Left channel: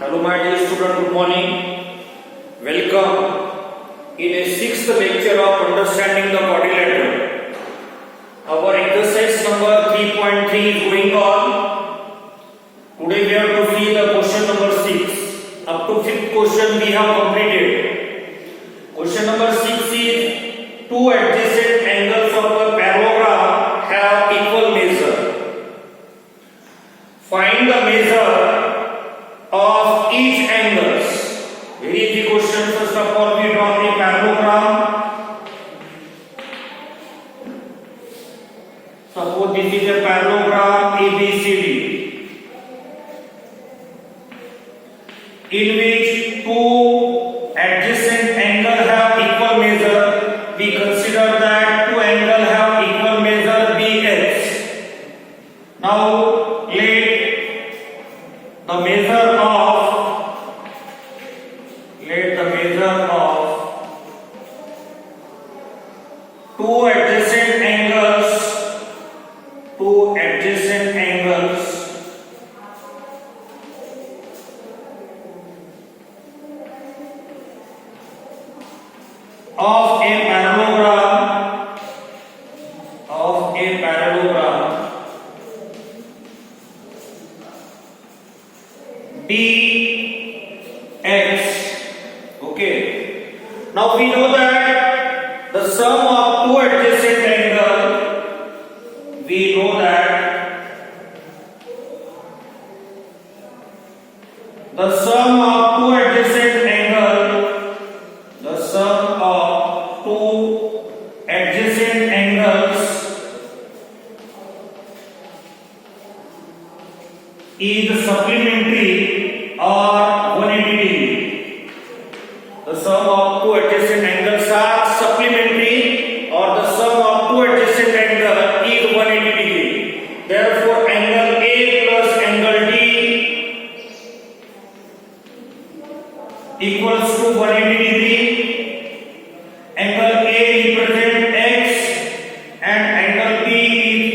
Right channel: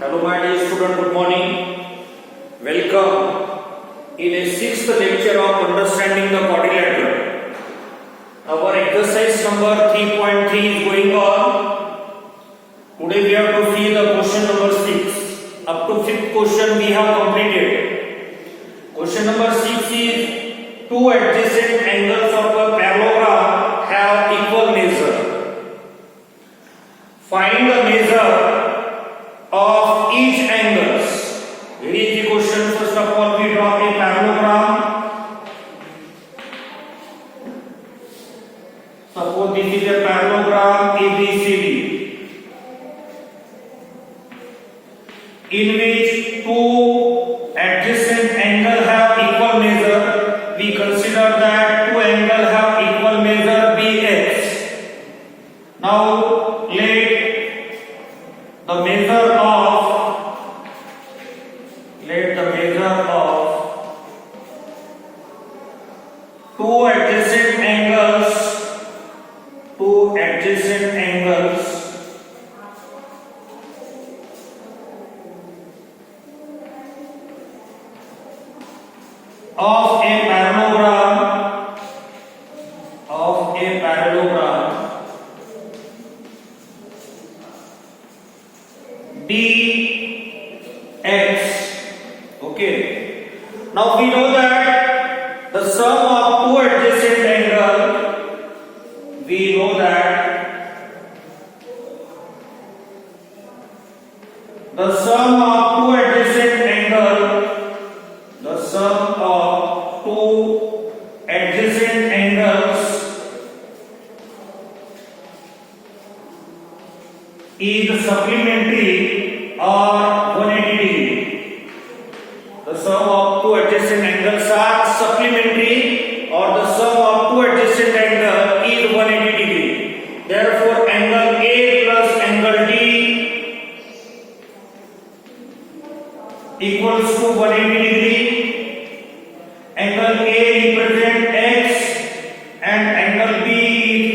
Hello my dear student, good morning. Welcome in a sixth lecture of understanding the quadrilateral. Our exercise number 3.3 is going on. Today we have to see the question number 6. Up to fifth question we have completed. Question number 6 is two adjacent angles of a parallelogram have equal measure. Find the measure of each angles. Very easy question. First of all, we draw a parallelogram. Suppose this is a parallelogram ABCD, in which two adjacent angles have equal measure. We consider that two angles have equal measure BX. Now let the measure of two adjacent angles of a parallelogram dx. Okay, now we know that the sum of two adjacent angles, is supplementary or 180 degree. The sum of two adjacent angles are supplementary, or the sum of two adjacent angles is 180 degree. Therefore, angle A plus angle D equals to 180 degree. Angle A represents X and angle B is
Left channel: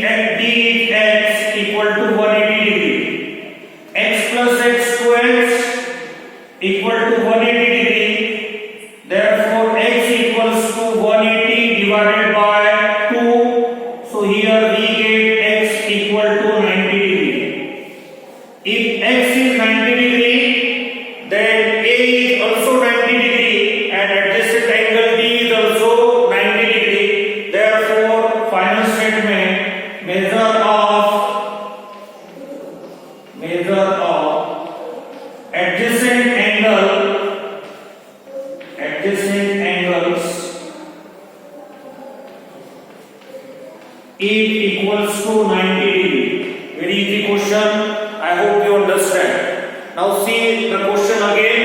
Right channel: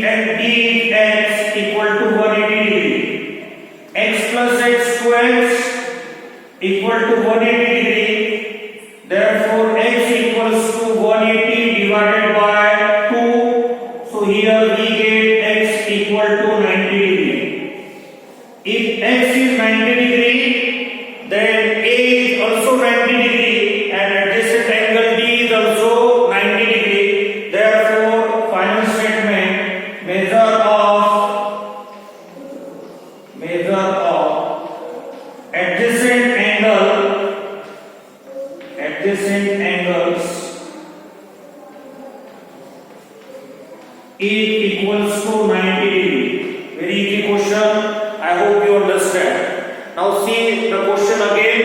X equal to 180 degree. X plus X squares equal to 180 degree. Therefore, X equals to 180 divided by 2. So here we get X equal to 90 degree. If X is 90 degree, then A is also 90 degree and adjacent angle D is also 90 degree. Therefore, final statement, measure of adjacent angles is equals to 90 degree. Very easy question. I hope you understand. Now see the question again.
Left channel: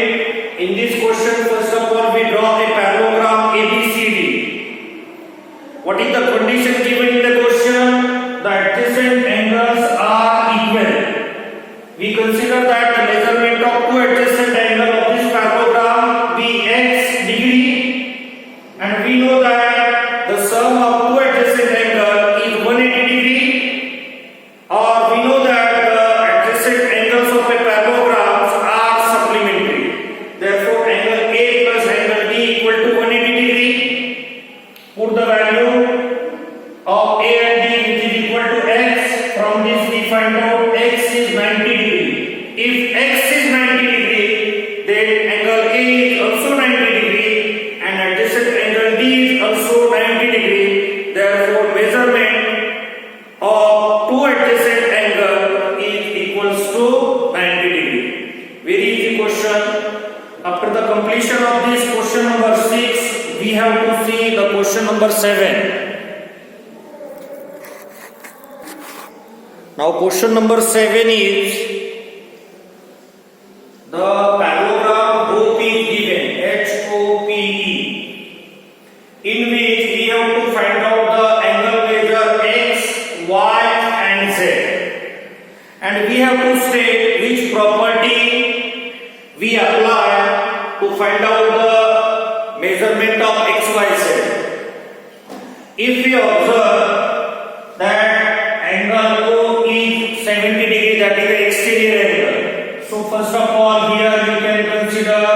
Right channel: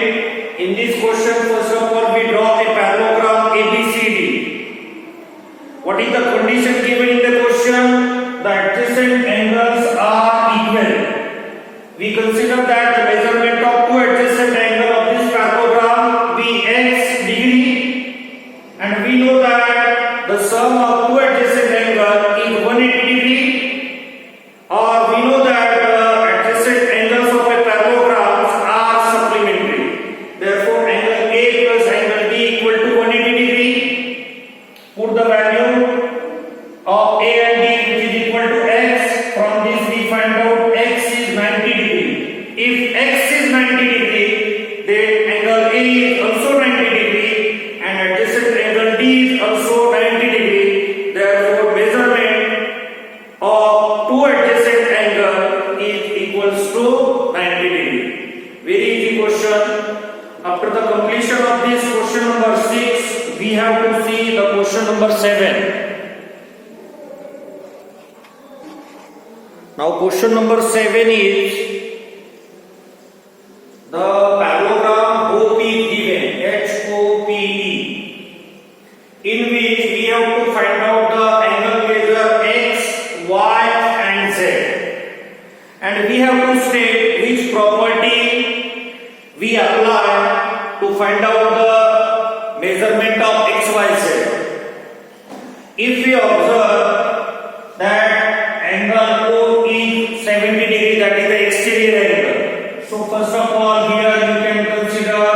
In this question, first of all, we draw a parallelogram ABCD. What is the condition given in the question? The adjacent angles are equal. We consider that the measurement of two adjacent angles of this parallelogram be x degree, and we know that the sum of two adjacent angles is 180 degree, or we know that the adjacent angles of a parallelogram are supplementary. Therefore, angle A plus angle D equal to 180 degree. Put the value of A and D which is equal to x. From this we find out x is 90 degree. If x is 90 degree, then angle A is also 90 degree and adjacent angle D is also 90 degree. Therefore, measurement of two adjacent angles is equals to 90 degree. Very easy question. After the completion of this question number 6, we have to see the question number 7. Now question number 7 is the parallelogram HOPE is given, HOPE, in which we have to find out the angle measure X, Y and Z, and we have to state which property we apply to find out the measurement of X, Y, Z. If we observe that angle O is 70 degree, that is the exterior angle. So first of all, here you can consider,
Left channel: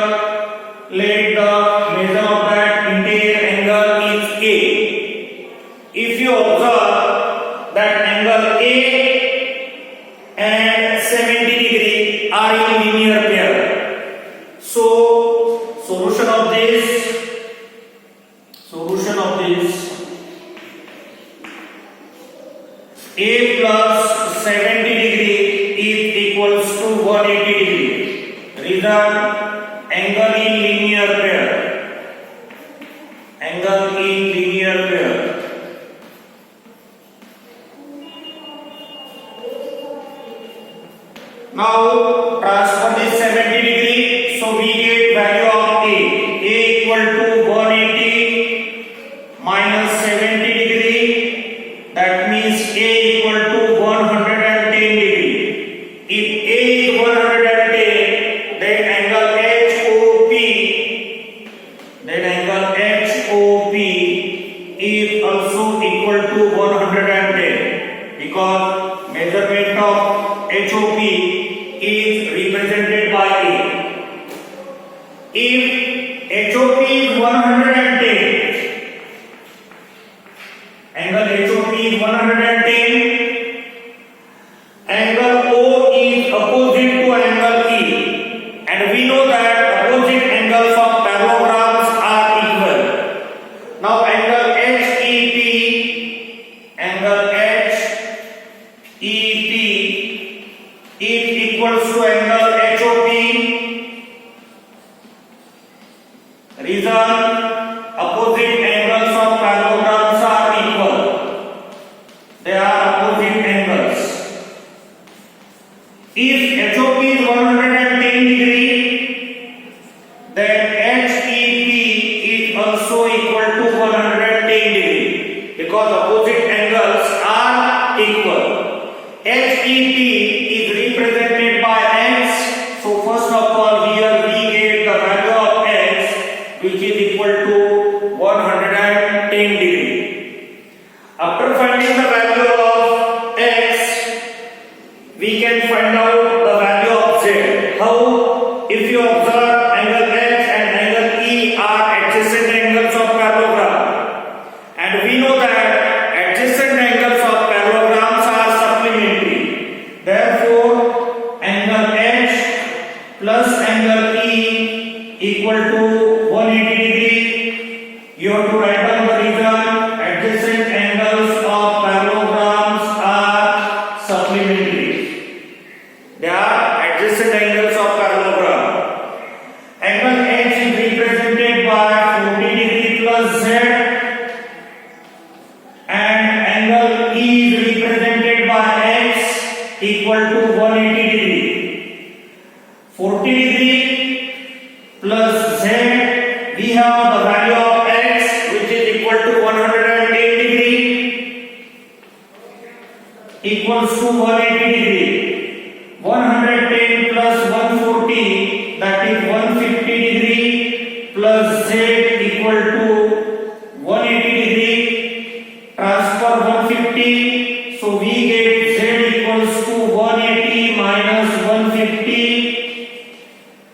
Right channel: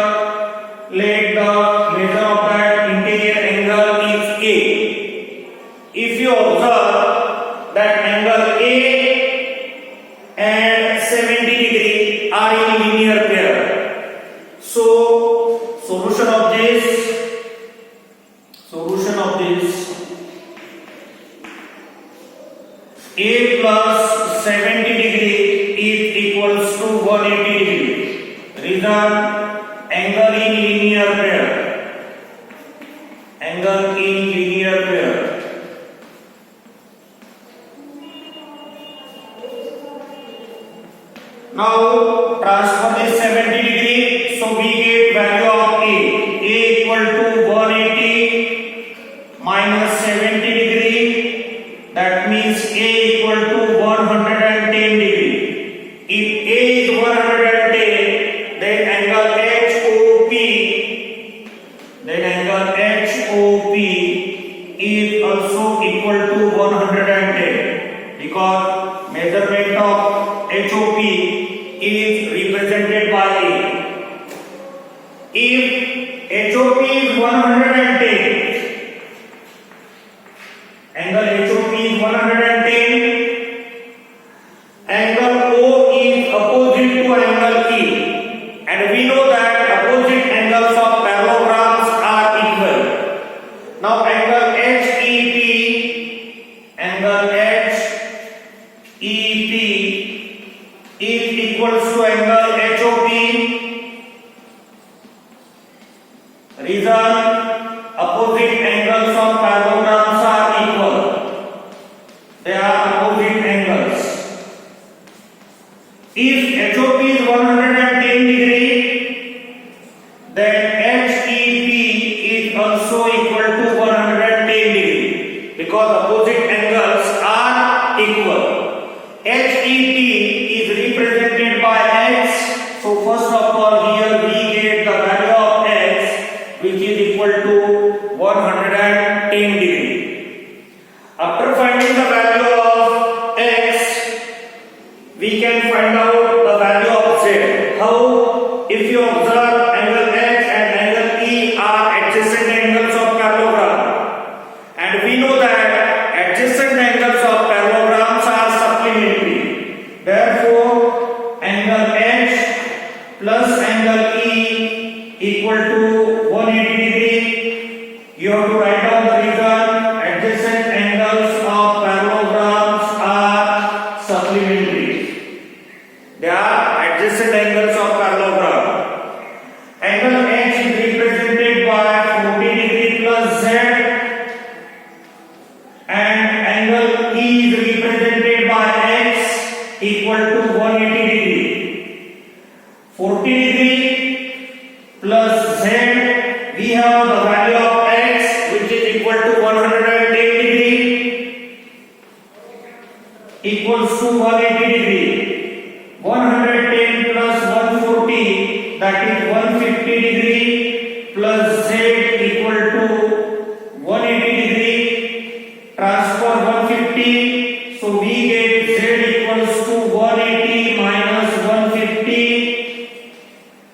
let the measure of that interior angle is A. If you observe that angle A and 70 degree are in linear pair, so solution of this A plus 70 degree is equals to 180 degree. Reason, angle in linear pair. Now transfer this 70 degree, so we get value of A. A equal to 180 minus 70 degree. That means A equal to 110 degree. If A is 110, then angle HOP is also equal to 110, because measurement of HOP is represented by A. If HOP is 110, angle HOP is 110, angle O is opposite to angle E, and we know that opposite angles of parallelograms are equal. Now angle HEP is equals to angle HOP. Reason, opposite angles of parallelograms are equal. They are opposite angles. If HOP is 110 degree, then HEP is also equal to 110 degree, because opposite angles are equal. HEP is represented by X, so first of all here we get the value of X, which is equal to 110 degree. After finding the value of X, we can find out the value of Z. How? If you observe, angle H and angle E are adjacent angles of parallelogram, and we know that adjacent angles of parallelograms are supplementary. Therefore, angle H plus angle E equal to 180 degree. You have to write down the reason. Adjacent angles of parallelograms are supplementary. They are adjacent angles of parallelogram. Angle H is represented by 40 degree plus Z, and angle E is represented by X equal to 180 degree. 40 degree plus Z, we have the value of X, which is equal to 110 degree, equals to 180 degree. 110 plus 140, that is 150 degree, plus Z equal to 180 degree. Transfer 150, so we get Z equals to 180 minus 150.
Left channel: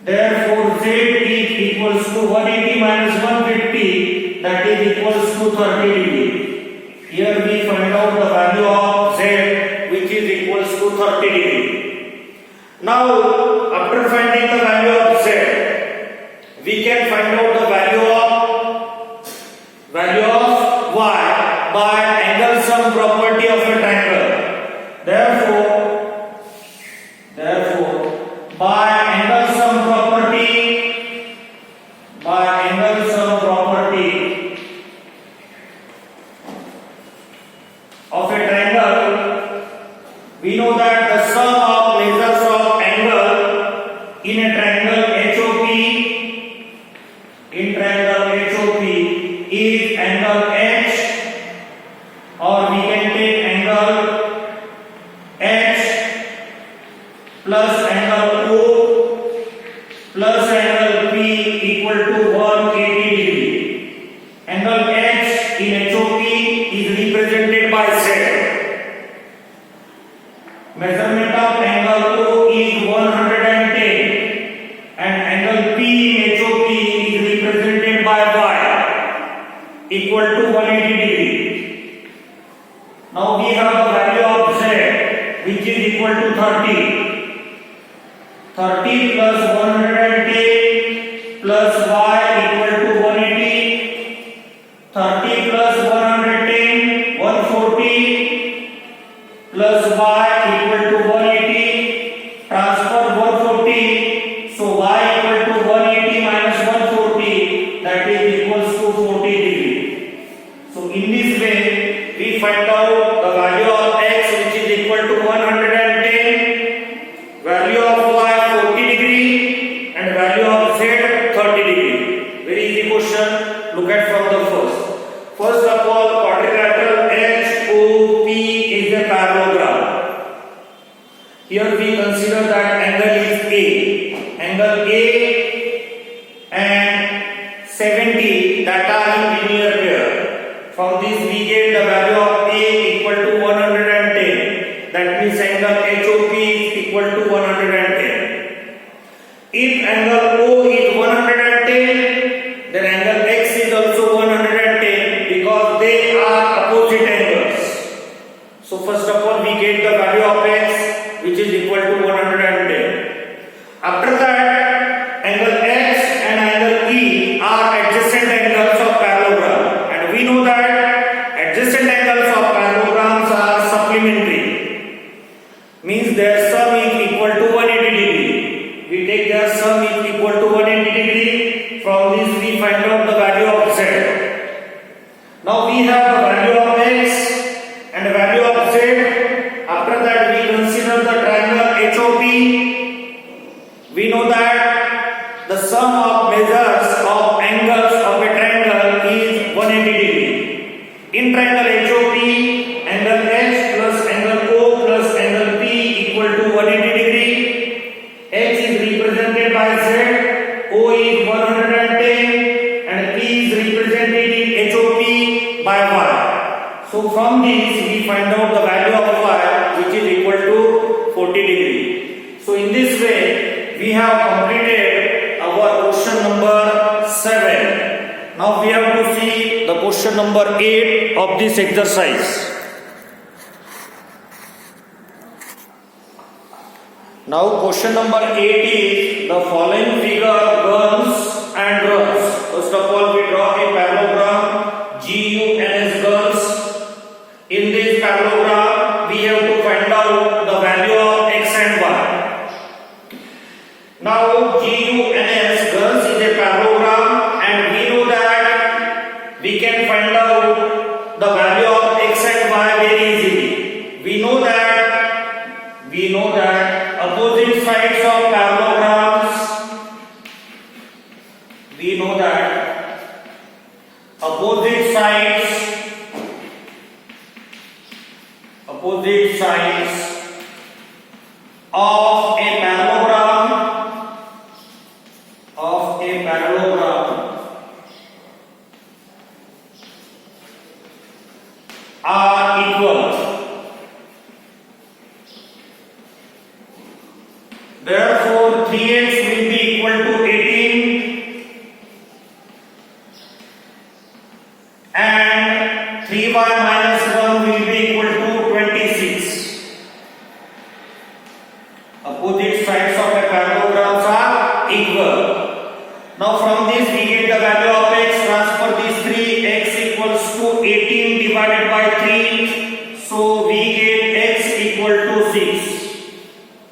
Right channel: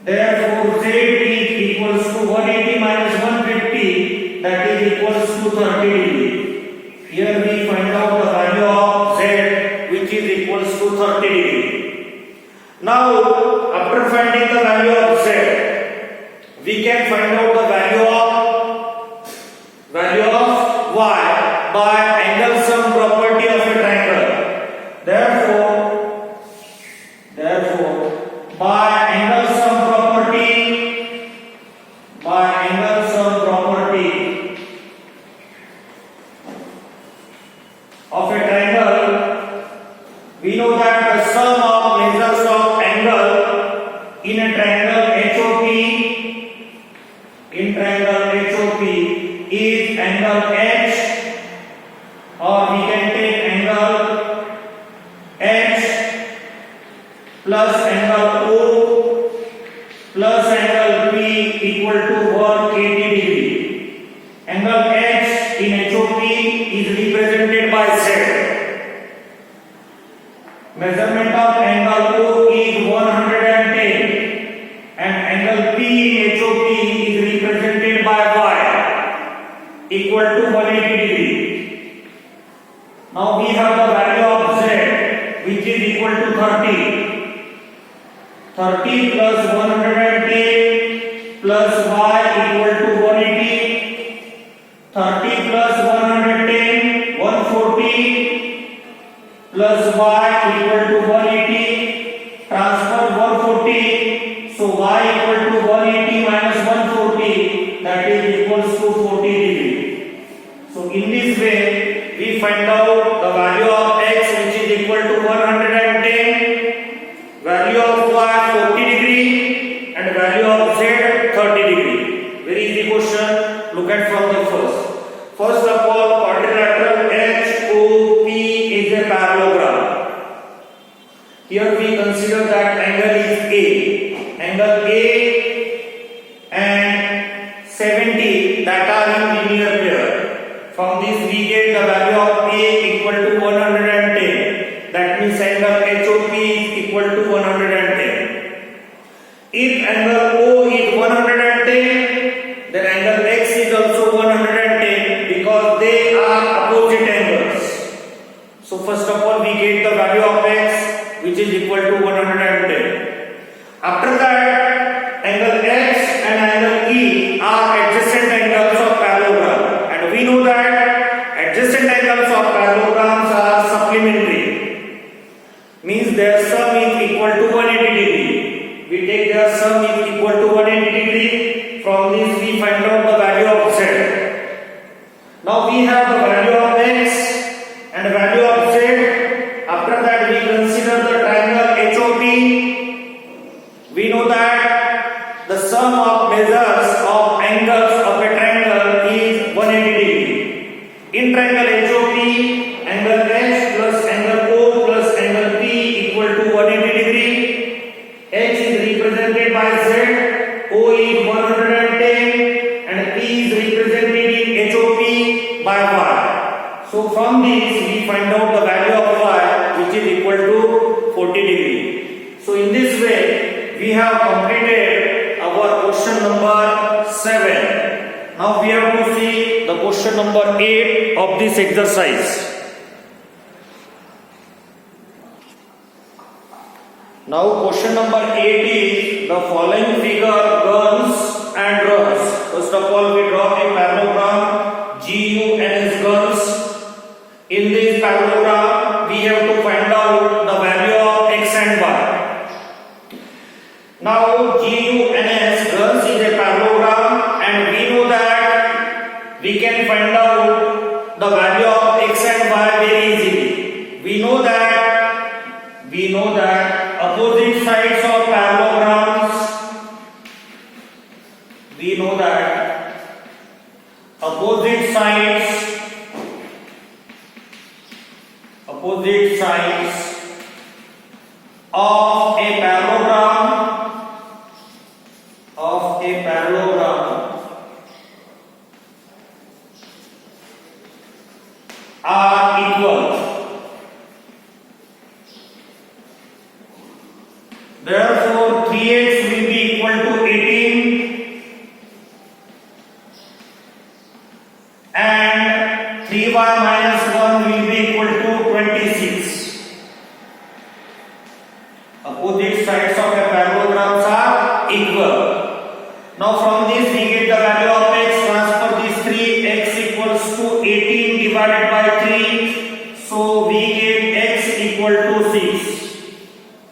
Therefore Z is equals to 180 minus 150, that is equals to 30 degree. Here we find out the value of Z, which is equals to 30 degree. Now, after finding the value of Z, we can find out the value of Y by angle sum property of a triangle. Therefore, by angle sum property of a triangle, we know that the sum of measures of angle in a triangle HOP is angle H, or we can take angle H plus angle O plus angle P equal to 180 degree. Angle H in HOP is represented by Z. Measurement of angle O is 110. equal to 30. 30 plus 110 plus y equal to 180. 30 plus 110, 140 plus y equal to 180. Transfer 140. So y equal to 180 minus 140, that is equals to 40 degree. So in this way we find out the value of x, which is equal to 110, value of y 40 degree, and value of z 30 degree. Very easy question. Look at from the first. First of all, quadrilateral HOP is a parallelogram. Here we consider that angle is A. Angle A and 70 that are in linear pair. From this we get the value of A equal to 110. That means angle HOP is equal to 110. If angle O is 110, then angle X is also 110 because they are opposite angles. So first of all we get the value of X, which is equal to 110. After that, angle X and angle E are adjacent angles of parallelogram, and we know that adjacent angles of parallelograms are supplementary, means their sum is equal to 180 degree. We take their sum is equal to 180 degree. From this we find out the value of Z. Now we have the value of X and the value of Z. After that we consider the triangle HOP. We know that the sum of measures of angles of a triangle is 180 degree. In triangle HOP, angle H plus angle O plus angle P equal to 180 degree. H is represented by Z, O is 110, and P is represented in HOP by Y. So from this we find out the value of Y, which is equal to 40 degree. So in this way we have completed our question number 7. Now we have to see the question number 8 of this exercise. Now question number 8 is the following figure guns and drums. First of all we draw a parallelogram GUNS guns. In this parallelogram we have to find out the value of X and Y. Now GUNS guns is a parallelogram, and we know that we can find out the value of X and Y very easily. We know that opposite sides of parallelograms, opposite sides of a parallelogram are equal. Therefore 3x will be equal to 18 and 3y minus 1 will be equal to 26. Opposite sides of a parallelograms are equal. Now from this we get the value of x. Transfer this 3, x equals to 18 divided by 3. So we get x equal to 6.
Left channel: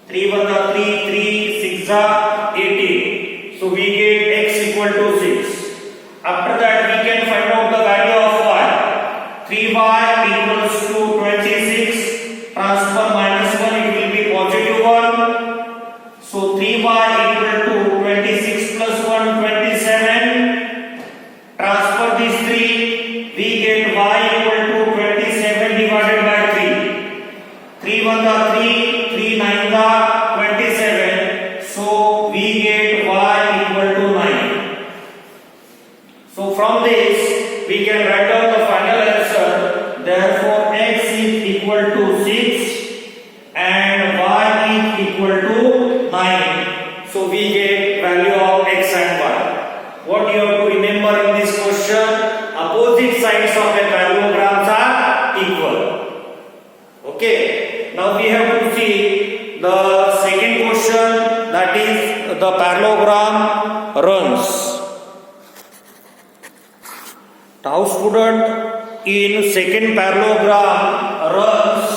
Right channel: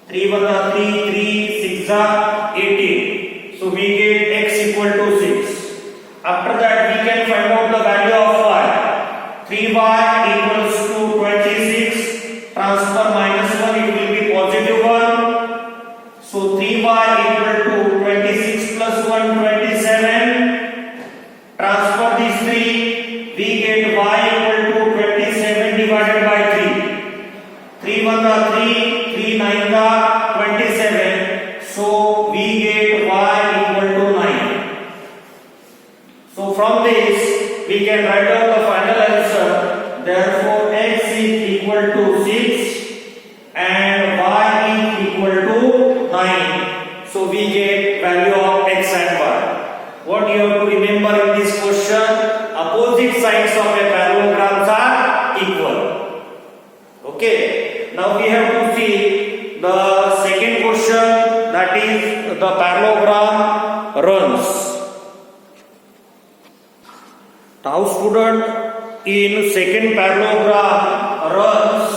3 1 3, 3 6 18. So we get x equal to 6. After that we can find out the value of y. 3y equals to 26. Transfer minus 1, it will be positive 1. So 3y equal to 26 plus 1 27. Transfer these 3, we get y equal to 27 divided by 3. 3 1 3, 3 9 27. So we get y equal to 9. So from this we can write down the final answer. Therefore x is equal to 6 and y is equal to 9. So we get value of x and y. What you have to remember in this question, opposite sides of a parallelograms are equal. Okay. Now we have to see the second question, that is the parallelogram runs. Now student, in second parallelogram runs,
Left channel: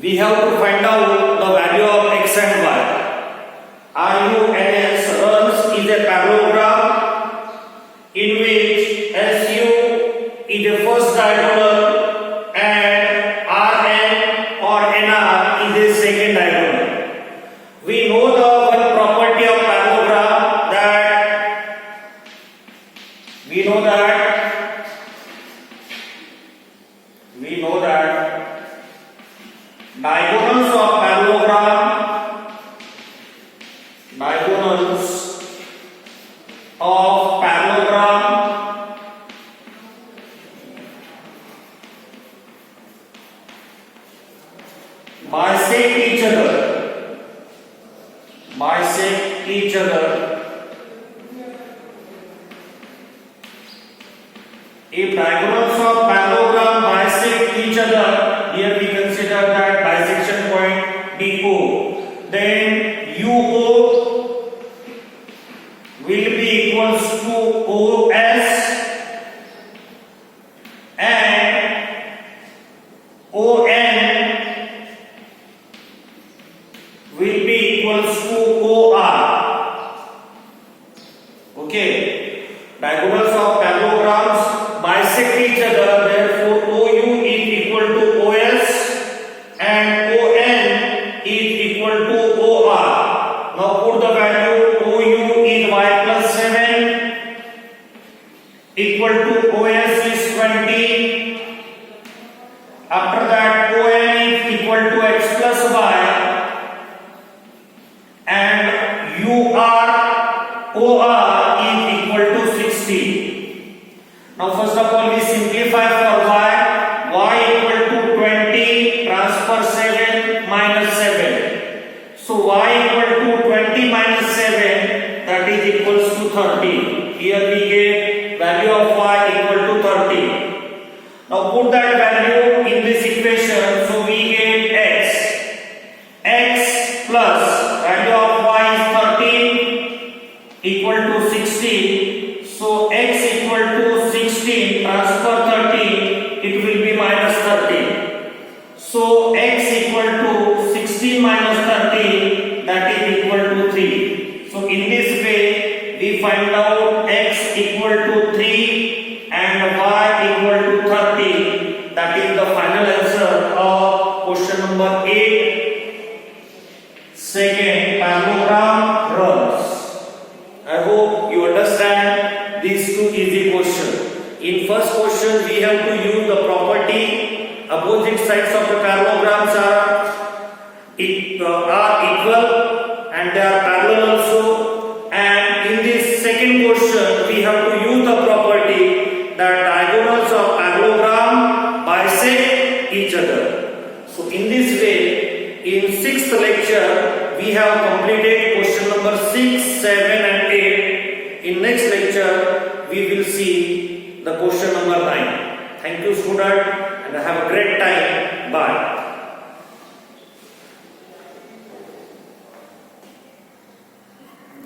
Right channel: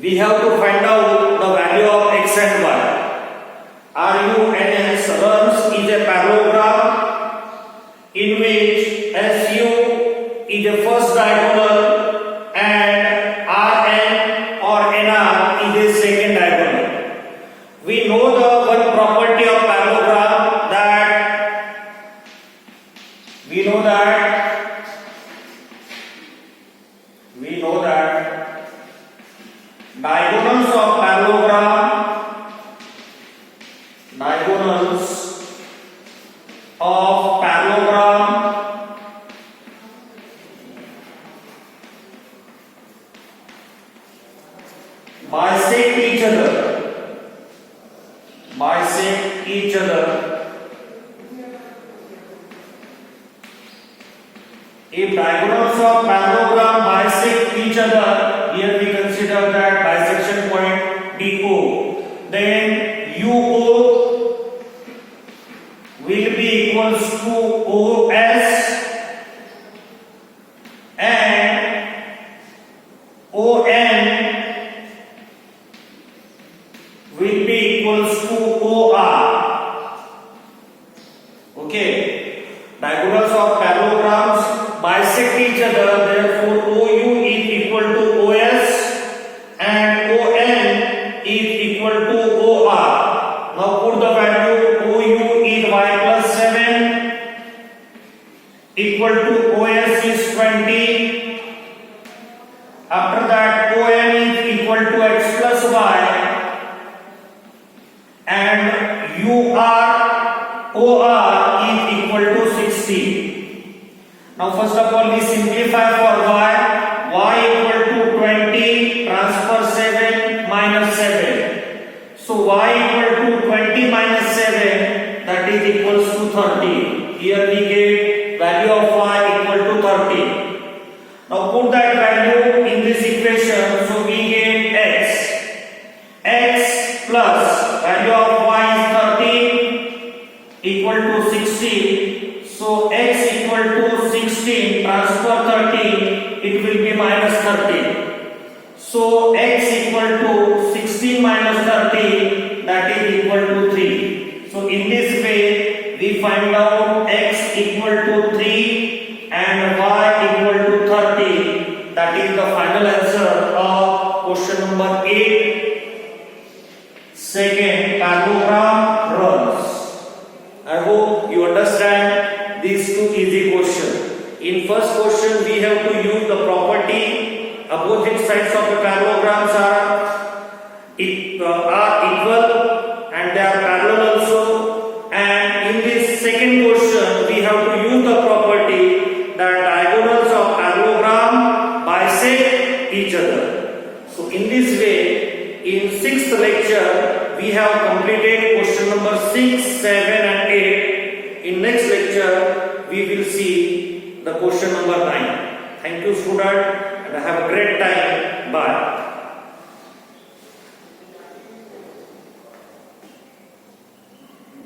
we have to find out the value of x and y. RUNS runs is a parallelogram in which SU is the first diagonal and RN or NR is the second diagonal. We know the one property of parallelogram that diagonals of parallelogram bisect each other. If diagonals of parallelogram bisect each other, here we consider that bisection point DO, then UO will be equals to OS and ON will be equals to OR. Okay, diagonals of parallelograms bisect each other, therefore OU is equal to OS and ON is equal to OR. Now put the value. OU is y plus 7 equal to OS is 20. After that ON is equal to x plus y and OR is equal to 60. Now first of all we simplify for y equal to 20 transfer 7 minus 7. So y equal to 20 minus 7, that is equals to 30. Here we get value of y equal to 30. Now put that value in this equation, so we get x plus value of y is 13 equal to 16. So x equal to 16 transfer 30, it will be minus 30. So x equal to 16 minus 30, that is equal to 3. So in this way we find out x equal to 3 and y equal to 30. That is the final answer of question number 8. Second, parallelogram runs. I hope you understand these two easy questions. In first question, we have to use the property opposite sides of the parallelograms are equal and they are parallel also. And in this second question, we have to use the property that diagonals of parallelogram bisect each other. So in this way, in sixth lecture, we have completed question number 6, 7 and 8. In next lecture, we will see the question number 9. Thank you student and have a great time. Bye.